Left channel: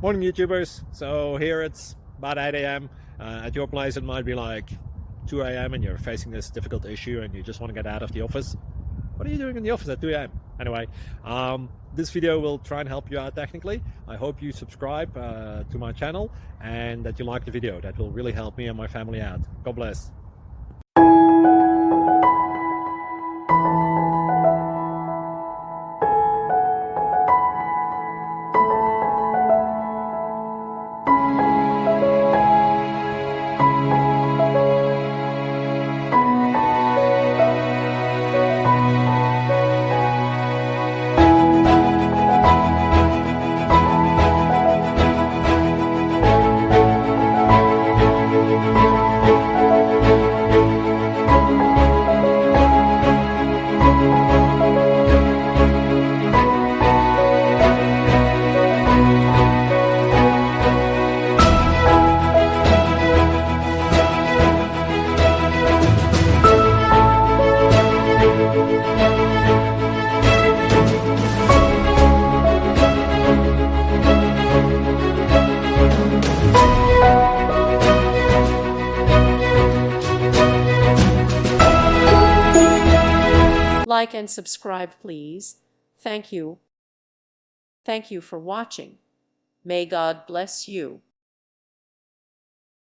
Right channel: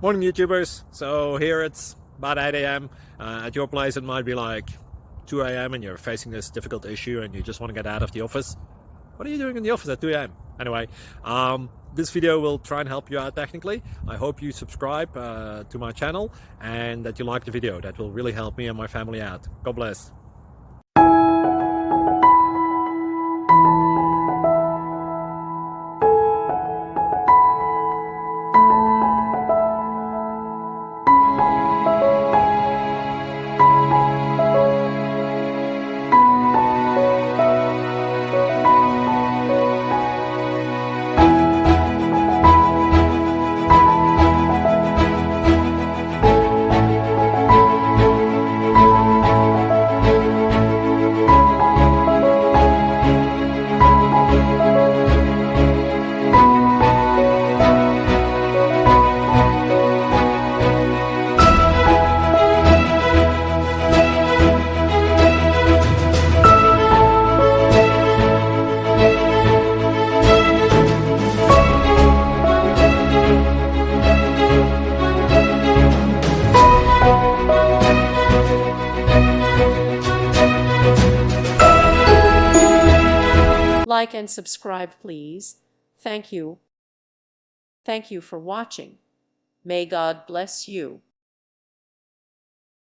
Morning YouTubers. So here it's about 8 a.m. At your place it might be like 2 a.m. and you're facing this difficult issue and you just want to get out of the office. What are you doing in the office at 2 a.m.? Anyway, this video will try and help you out technically. I hope you subscribe to my channel and that you like the video. That will really help me and my family out. God bless. Like and subscribe, please. Thank you. Thank you for watching. May God bless you.